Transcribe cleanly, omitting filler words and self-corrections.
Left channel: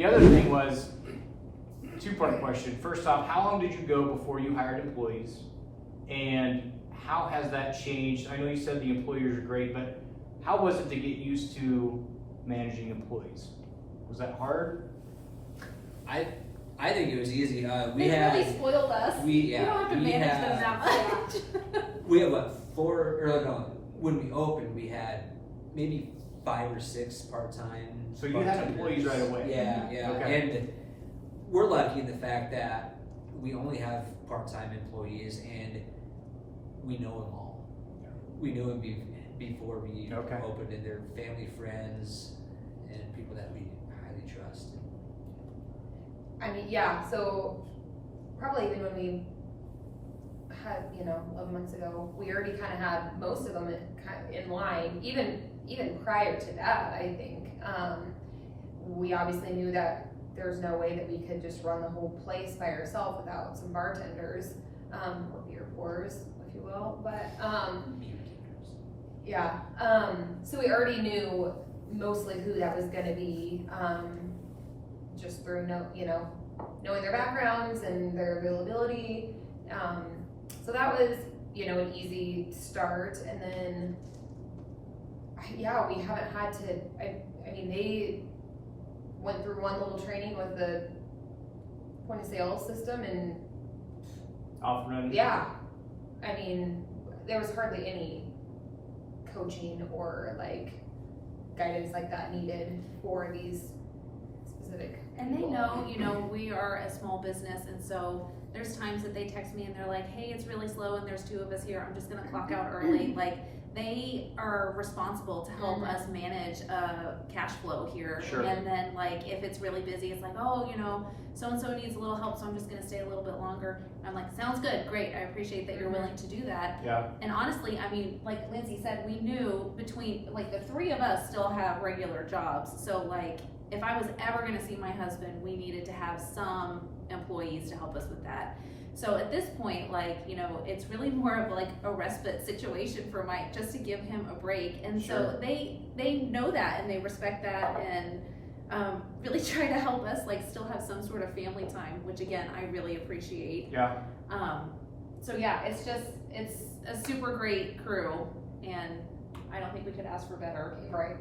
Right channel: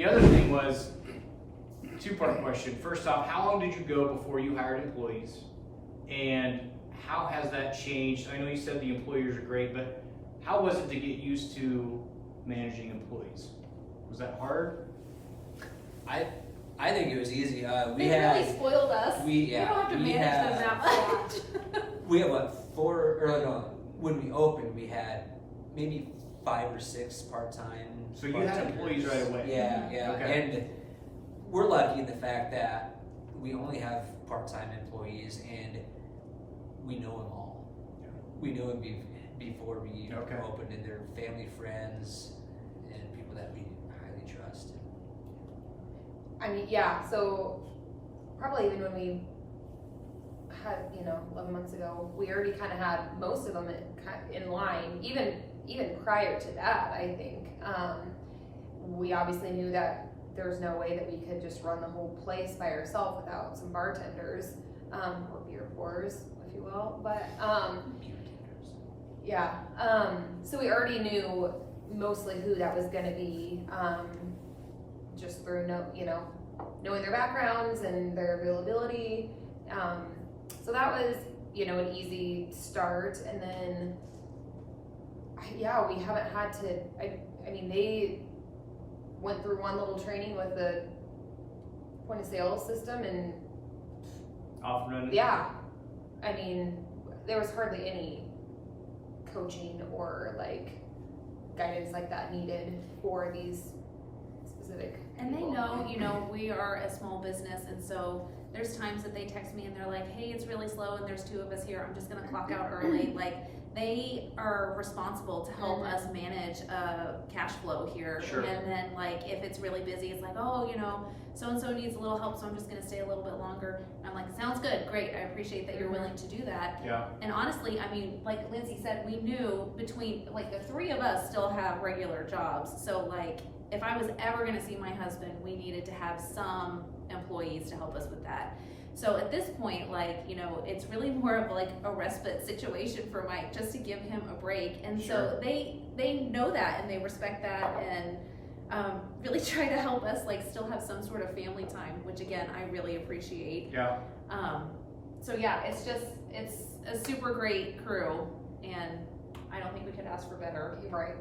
The other thing was, two-part question. First off, how long did you go before you hired employees? And how has that changed? I know you said the employers are great, but how was it to get used to managing employees? Was that hard? I think it was easy. They really spoiled us. We don't have to manage them that much. We had when we opened, we had maybe 5 or 6 part-time. So you had employees right away? Yeah, yeah. Okay. And we're lucky in the fact that we only have part-time employees and we know them all. Yeah. We knew them before we Okay. opened, and they're family, friends, and people that we highly trust. I mean, yeah, so probably even when we had, 11 months ago, we already kind of had most of them in line, even prior to that, I think. We obviously knew that there's no way that we could just run the whole place by ourselves without some bartenders, or beer pourers, if you will, but, yeah, so we already knew mostly who that was gonna be, just through knowing their backgrounds and their availability. So that was, an easy start. And then, we haven't had to, I mean, they went through one little training with the point of sale system and Off and running? yeah, I mean, there was hardly any coaching or guidance like that needed for these specific And they people. know, we are a small business, and so there's times that they text me and they're like, hey, it's really slow and there's 2 of us here, I'm just gonna clock out early. They are responsible to help us manage cash flow here. Sure. And then if it's really busy, it's like, oh, so-and-so needs a little help, so I'm just gonna stay a little bit longer. And I'm like, sounds good, great, I appreciate that you're willing to do that. Yeah. And honestly, I mean, like Lindsay said, we knew between, the 3 of us still have regular jobs. So if I was ever gonna see my husband, we needed to have some employees to help us with that. So at this point, it's really more of a respite situation for Mike, just to give him a break. And Sure. so they know that and they respect that, and really try to help us still have some sort of family time, which again, I really appreciate. Yeah. So yeah, it's a super great crew, and I don't think we could ask for better. Right.